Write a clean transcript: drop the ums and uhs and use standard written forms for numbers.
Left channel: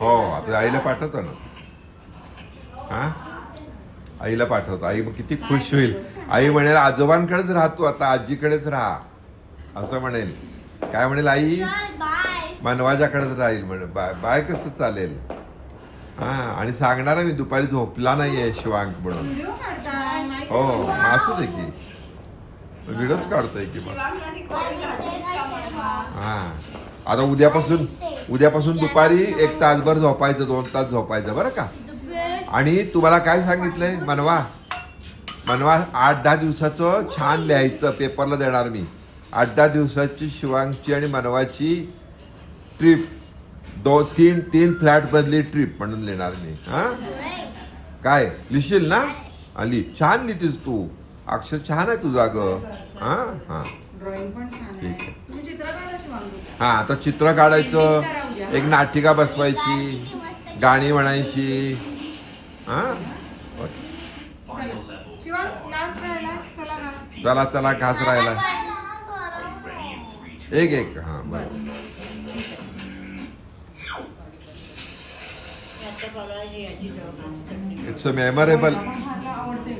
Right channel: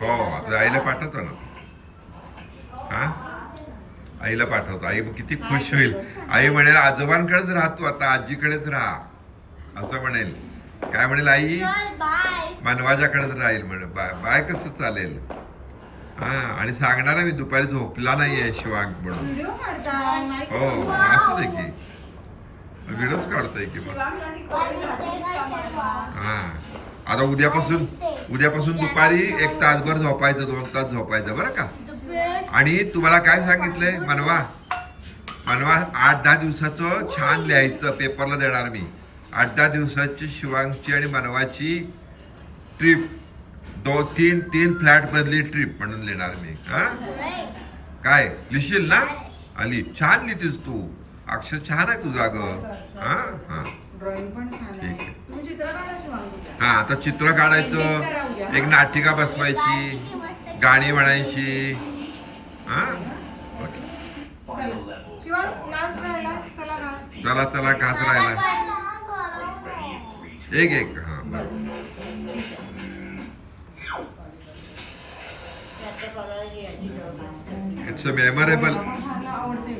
हो आता आईला पाठवतो ना. हा आईला पाठवतो. आई किती खुश होईल. आई म्हणेल आजोबांकडेच राहतो आता, आजीकडेच राहा असं म्हणेल. काय म्हणेल आई? मनवाजाकडेच राहील म्हणे. बाय बाय कसं चालेल. हा आणि सांगणार मी दुपारी झोपला नाहीये शिवांक म्हणून. हो असू दे की व्हिडिओच काढतोय की मग. हा आता उद्यापासून दुपारी 1 तासभर झोपायचं, 2 तास झोपायचं बरं का. आणि तुम्हाला काय सांगितलंय मनवा 8-10 दिवसाचं छान लिहायचं, पेपरला देणार मी. 8-10 दिवसाची शिवांगची आणि मनवाची ट्रिप, 2-3 फ्लॅट बदली ट्रिप म्हणून लिहिणार मी. हा काय लिहिशील ना? आली छान लिहितीस तू, अक्षर छान आहे तुझा ग. हा हा ड्रॉइंग पण छान आहे. तुम्ही चित्र काढा शिवांग. हा आता चित्र काढायचं, एक नाटिका बसवायची, गाणी म्हणायची. हा शिवांग लास्ट राहिला. चला घास. चला घास राहिला. एक हा बरोबर. It's a memorable. आवडते.